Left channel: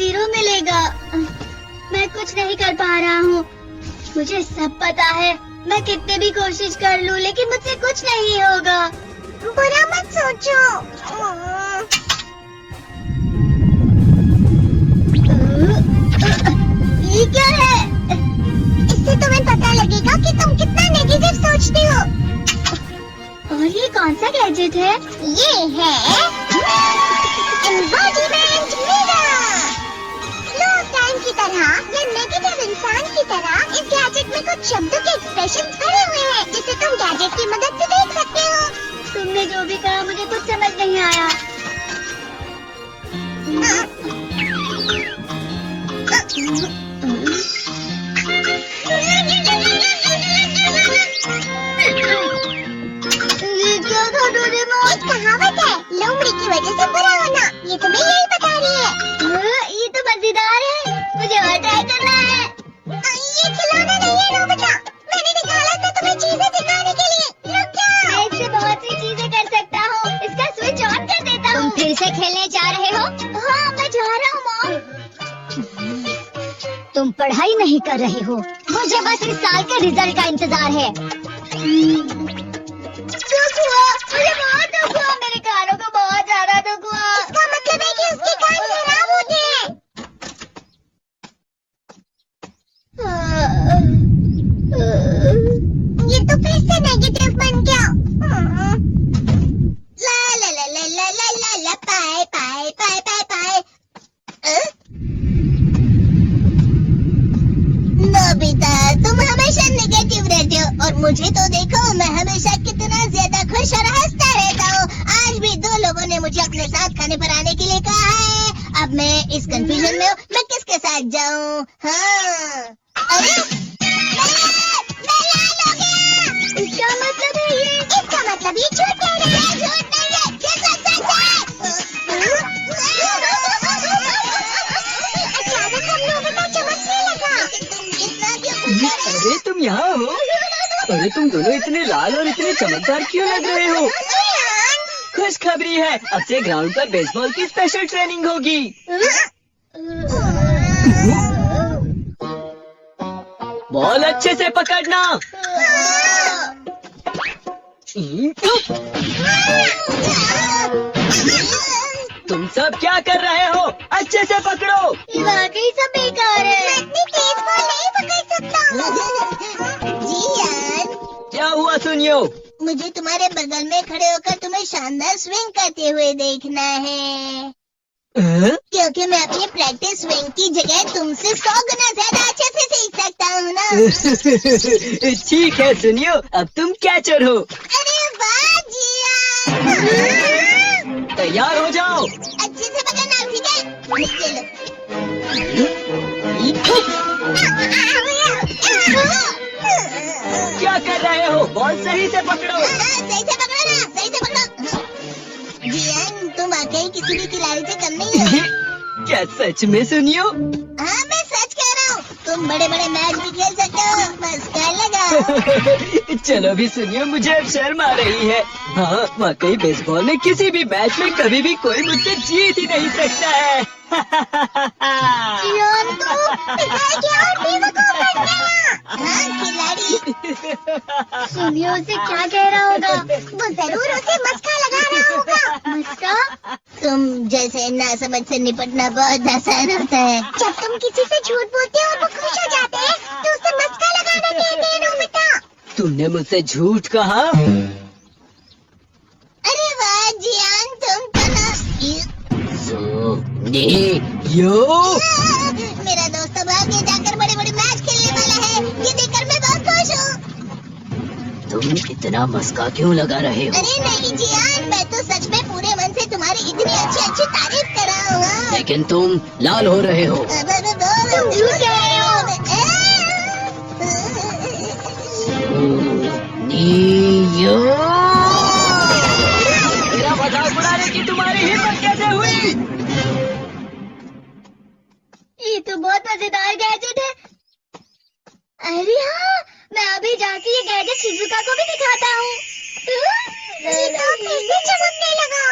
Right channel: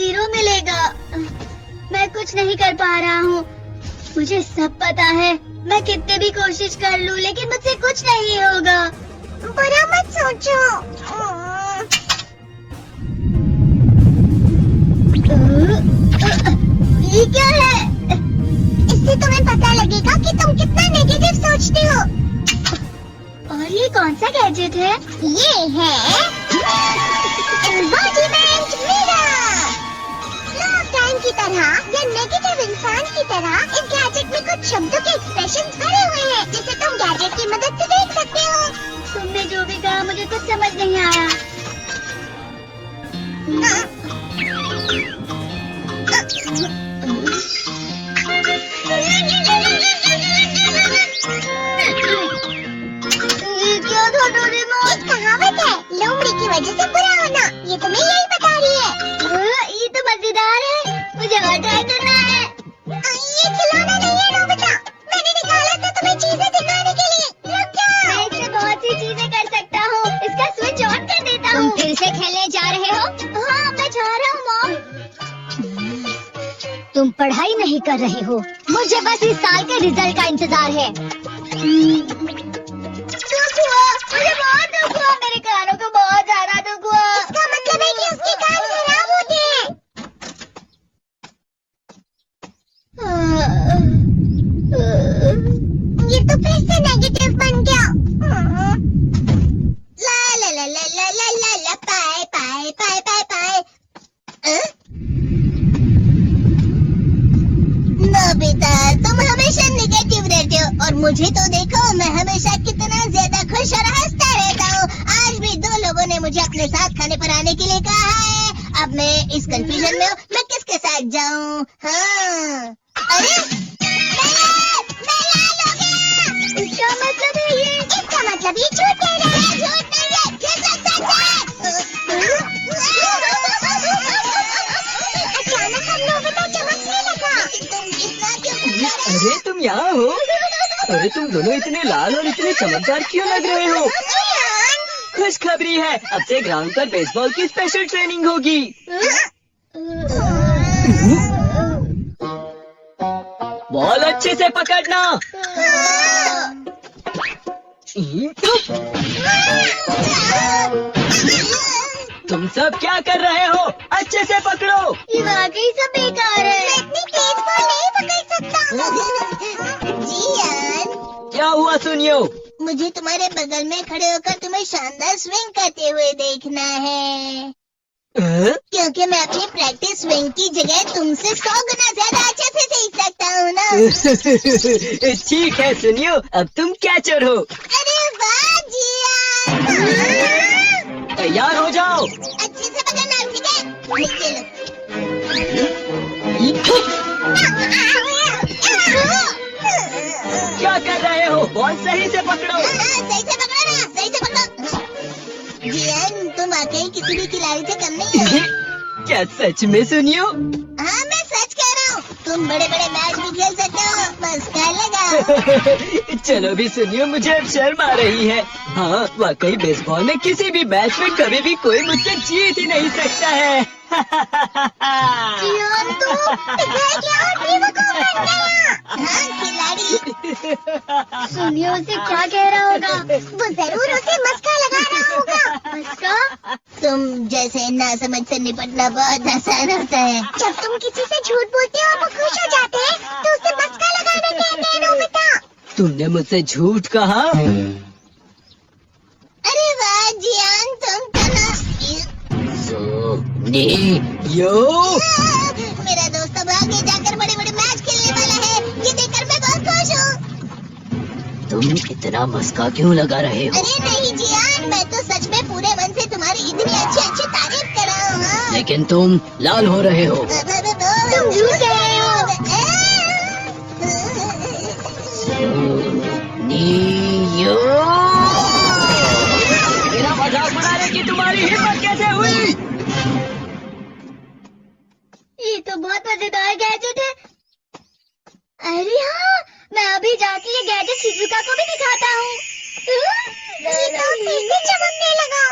Zero मिलेगा। मैं कुछ नहीं कर पा रहा हूँ। मुझे सब पता है। मैं कितनी भी कोशिश कर लूँ लेकिन मुझसे कुछ नहीं होगा। बुरा मत सोचो। ये क्या है? इससे तुम्हें पता लगेगा कि तुम कितना नेगेटिव सोचते हो। और ये कौन सा गैजेट है? ये है embodiment mirror. Flow of time की तरह या नेगेटिव इंसान की तरह इस गैजेट में कुछ शब्दों के एक्सप्रेशन भरे हुए हैं जिसे तुम गैजेट की मदद से देख सकते हो। तुमने जो भी कहा मुझे कुछ समझ नहीं आया। ये क्या था डोरेमोन? एक कहावत है, लोमड़ी की वजह से बुरा होना। ये तुम्हें यही बता रही है। ये तो मजेदार है। मुझे और ट्राई करना है। ये खिलौना नहीं है नोबिता। मैंने निकाला था तुम्हें चीजें सिखाने के लिए। रुक जाओ। मैं इससे बहुत सी चीजें कर सकता हूँ। इसका स्विच ऑन कर देता हूँ। फिर से खेलने जा रहे हो? हाँ, मैं जा रहा हूँ मॉम। तुम पढ़ाई नहीं कर रहे हो। मुझे बस इस साल के रिजल्ट का इंतजार है। दुख हुआ, मुझे बहुत दुख हुआ। मेरे कानों को बहुत ज्यादा दुख हुआ। इसका मतलब है कि उसके कान खराब हो गए। ये तो फिर से नेगेटिव बन गया। ला ला ला ला ला ला ला ला पाए पाए पाए पाए पाए। नोबिता, तुम हमेशा नेगेटिव रहते हो और मुझे तो देखो, मैं हमेशा कितना ज्यादा खुश और हंसता रहता हूँ। आज भी 2 लोगों ने मुझे अपने साथ खाने पर आने के लिए कहा है। अब मैं इस कंफ्यूजन में हूँ, मैं किसके साथ जाऊँ? हाँ, अरे क्या मतलब है ये? इसका मतलब ये झूठ कह रहे हैं। झूठ नहीं है, ये सच है। अचानक हम नोबिता चमकने लगा। तुम इतना क्यों? अरे तुम यहाँ हो? अरे तुम दोनों इतने लाल और इतने चमकदार क्यों लग रहे हो? खुशखबरी है, अब से ग्राउंड पर बेसबॉल की स्पेशल ट्रेनिंग होगी। बॉल अच्छे से पकड़ना। तुम सब क्या कर रहे हो? अच्छे से पकड़ो। ये वाकई सब बेकार है। मैं इतनी तेज बॉल नहीं पकड़ सकता। जियान, क्या हुआ सुनियो? मुझे तुम्हारे बगल में खड़े होकर तुम्हें शानदार स्विंग करते हुए देखना है। क्योंकि मैं अपनी प्रैक्टिस स्विंग की जगह तुमसे 100 गुना ज्यादा अच्छे से सीख सकता हूँ ना। ठीक है सुनियो, अब तुम कैचर हो। अरे वाह जियान। तैयार हो जाओ। अच्छे से पकड़ना, ठीक है? चलो। क्या कर रहे हो? बॉल सही से पकड़ो। सही से पकड़ो ना, सही से पकड़ो। जियान, तुम वाकई किसी भी खिलाड़ी से कम नहीं हो। क्या सच में सुनियो? हाँ, मैं सच कह रहा हूँ। तुम बड़े बड़े मैच भी खेल सकते हो, बस कर लगा। चलो भी सुनियो, मुझे अब शर्म आ रही है। हाँ, वाकई बेसबॉल में किसी भी मैच में कभी भी कोई मुझसे जीत ही नहीं सकता है। जियान, तुम पिघल गया और बेवकूफ बन गया। हाँ, खिलाड़ी। सुनियो उसे क्या कह रहा होगा? वो जरूर उसे मस्का लगा रहा होगा। मस्का? तुम जैसे नासमझ से निपटना बहुत आसान होता है। जब तुम किसी से झूठ बोलते हो और वो खुश हो जाते हैं, तो उसे मस्का लगाना कहते हैं नोबिता। तुमने मुझसे झूठ कहा? अरे वाह जियान, तुम तो ना। यो मेरा दोस्त अब आगे जाकर बड़े बड़े मैच खेलने वाला है। ये देखकर मैं बहुत खुश हूँ। तुम इतना मस्का क्यों लगा रहे हो? अरे नहीं जियान, मैं तो सच में पूरे मन से तुम्हारी इतनी अच्छी अच्छी तारीफ कर रहा हूँ। हाँ। लेकिन तुम लाल हो रहे हो। तुम झूठ कह रहे हो। नियो, मेरा मजाक उड़ाने की तुम्हारी हिम्मत कैसे हुई? ये तो बहुत मजेदार गैजेट है। अरे हाँ, मैं अभी जाके ये गैजेट शिजुका को भी दिखाता हूँ। चीता फिर से चमकने लगा।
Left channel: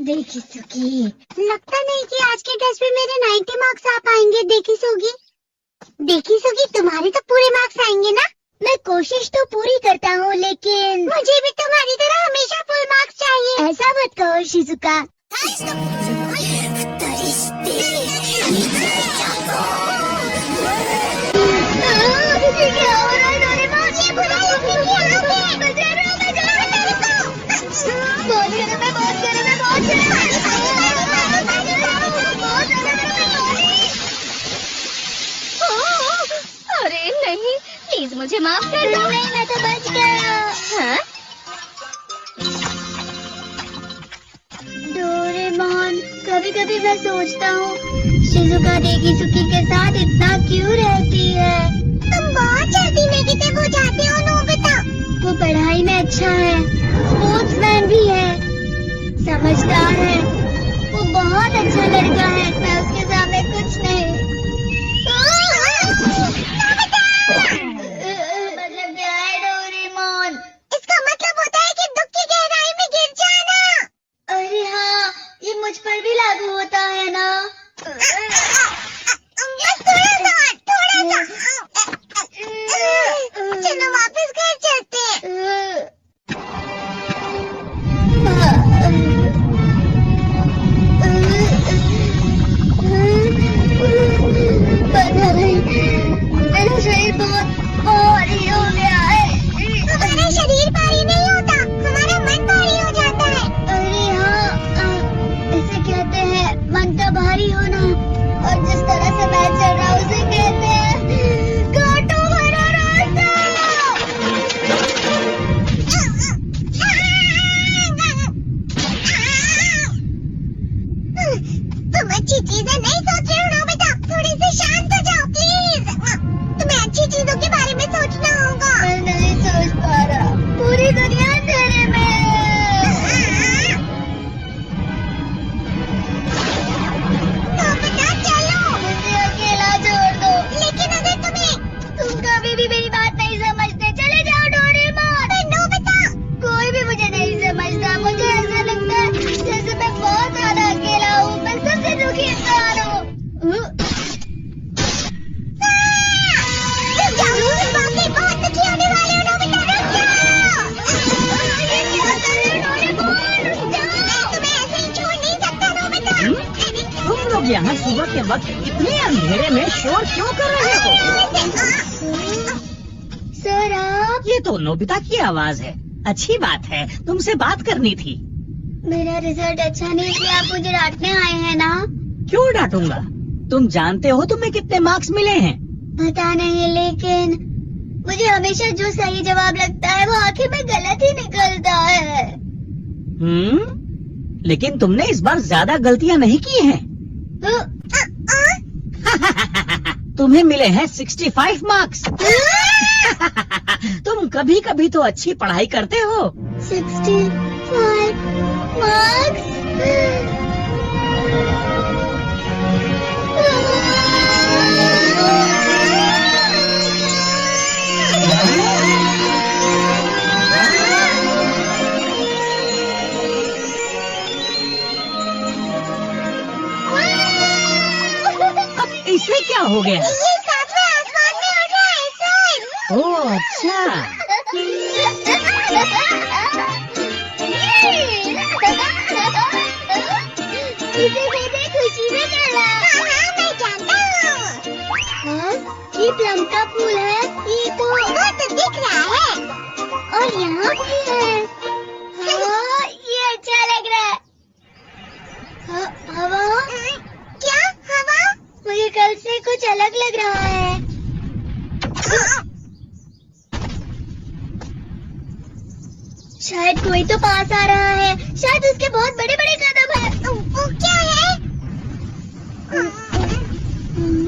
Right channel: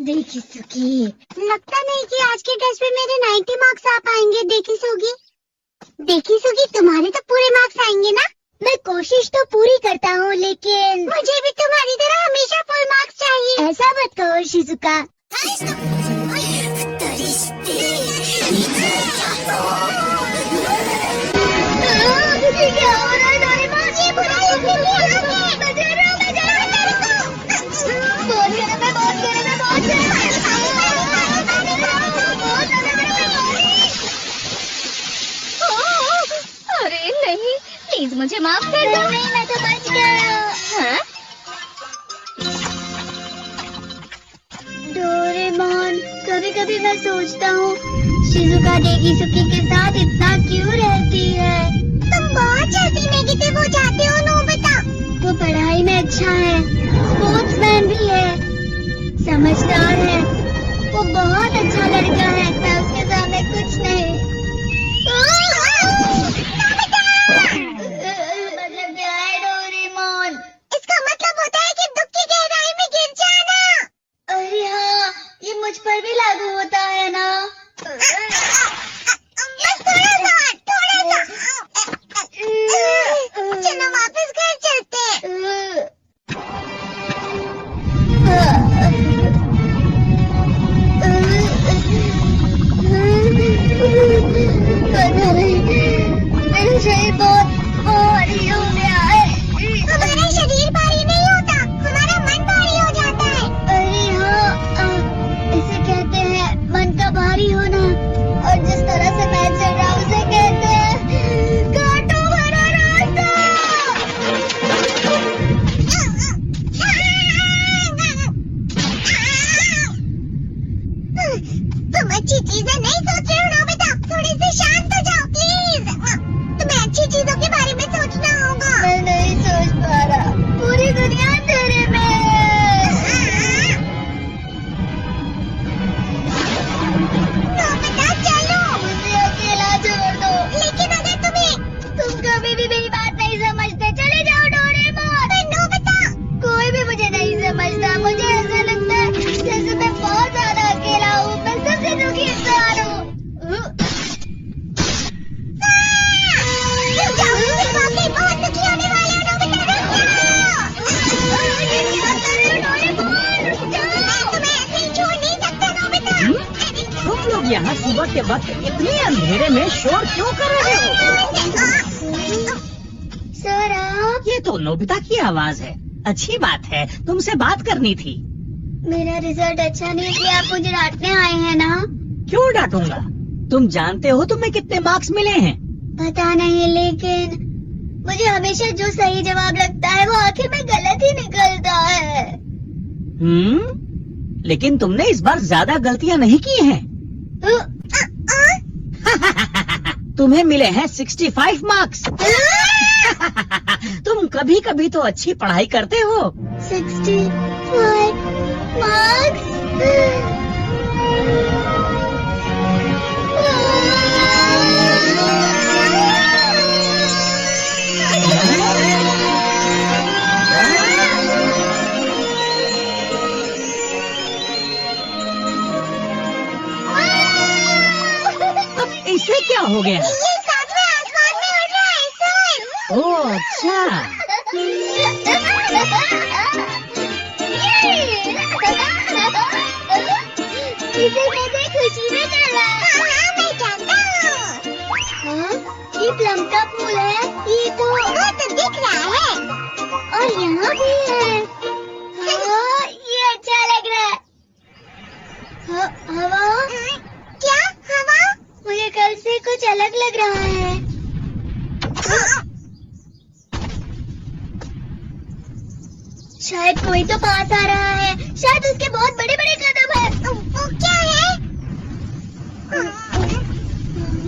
देखी सुकी, लगता नहीं कि आज के टेस्ट में मेरे 90 मार्क्स आ पाएंगे। देखी सुगी तुम्हारे तो पूरे मार्क्स आएंगे ना? मैं कोशिश तो पूरी करता हूँ लेकिन मुझे भी तुम्हारी तरह हमेशा फुल मार्क्स चाहिए। ऐसा मत कहो शिजुका। अरे नहीं, प्लीज मुझे माफ कर दो। नहीं, मैं तो बच गया। हाँ? डोरेमोन, कभी कभी मैं सोचता हूँ शिजुका डेकिसुकी के साथ इतना क्यों रहती है। तुम बहुत जल्दी नेगेटिव हो जाते हो नोबिता। वो पढ़ाई में अच्छा है, स्पोर्ट्समैन भी है, समझदार है, वो बहुत अच्छा लड़का है। मैं उसके सामने कुछ नहीं। मतलब क्या है डोरेमोन? इसका मतलब होता है कि दुख की गहराई में गिर जाना। अरे हाँ, ये मुझ पर भी लागू होता है ना। थोड़ा सा। चलो वापस घर चलते हैं। मेरा शरीर बहुत भारी हो गया है। हमारा शरीर भारी नहीं होता, हमारा मन भारी हो जाता है। अरे हाँ, इसे कहते हैं मन का भारी होना। और जिस तरह से मैं चल रहा हूँ उसे कहते हैं कांटों भरा रास्ता। तुम अच्छी चीजें नहीं सोच रहे हो नोबिता। थोड़ी सी शांत हो जाओ प्लीज। तुम्हें अच्छी चीजों के बारे में सोचना होगा। मैं नहीं सोच पा रहा, पूरी दुनिया अंधेरे में है। नोबिता चलो। मुझे अकेला छोड़ दो। लेकिन अगर तुम कभी भी मेरी बात नहीं समझते, चले जाओ डोरेमोन। नोबिता कोई भी मुझे नहीं समझता। मुझे ऐसा लगता है जैसे मैं बहुत ज्यादा अकेला हूँ। मैं सबसे दुखी इंसान हूँ। वाकई बहुत दुखी होने वाले हो नोबिता। तुम्हें ऐसे ही छोड़ नहीं सकता नोबिता। तुम लोग यहाँ सुबह के वक्त इतने अंधेरे में शोर क्यों कर रहे हो? सर आप, ये तो नोबिता की आवाज है। अच्छी बात है, तुमसे बात करनी थी। मेरा रिजल्ट अच्छा नहीं किया, आप मुझे डांटने आए हैं ना? क्यों डांटूंगा? तुम जानते हो तुम्हें कितने मार्क्स मिले हैं? पता नहीं, लेकिन मुझे हमेशा जो सही जवाब लगता है वो आखिर में गलत ही निकलता है। लेकिन तुमने इस बार ज्यादा गलतियाँ नहीं की हैं। तुम्हें मिले हैं 65 मार्क्स। तुम कभी कभी तो अच्छी पढ़ाई करते हो। 65 मार्क्स। इसे क्या हो गया? ये सातवें आसमान में उड़ रहा है सर। ओह अच्छा। इसे कहते खुशी में चला। हाँ, मैं जानता हूँ। ये प्लम का फूल है। ये तो दिख रहा है। और यहाँ भी है। हाँ, ये अच्छा लग रहा है। हवा? क्या हवा? मुझे कल से कुछ अलग लग रहा है। शायद कोई तो पास आ रहा है। शायद उसके बहुत बड़े बड़े कदम हैं। वो क्या है?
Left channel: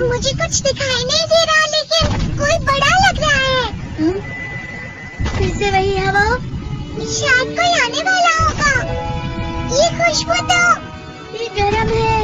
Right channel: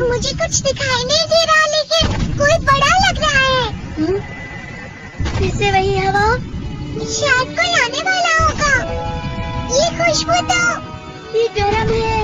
मुझे कुछ दिखाई नहीं दे रहा, लेकिन कोई बड़ा लग रहा है। फिर से वही हवा। शायद कोई आने वाला होगा। ये खुशबू तो ये गर्म है।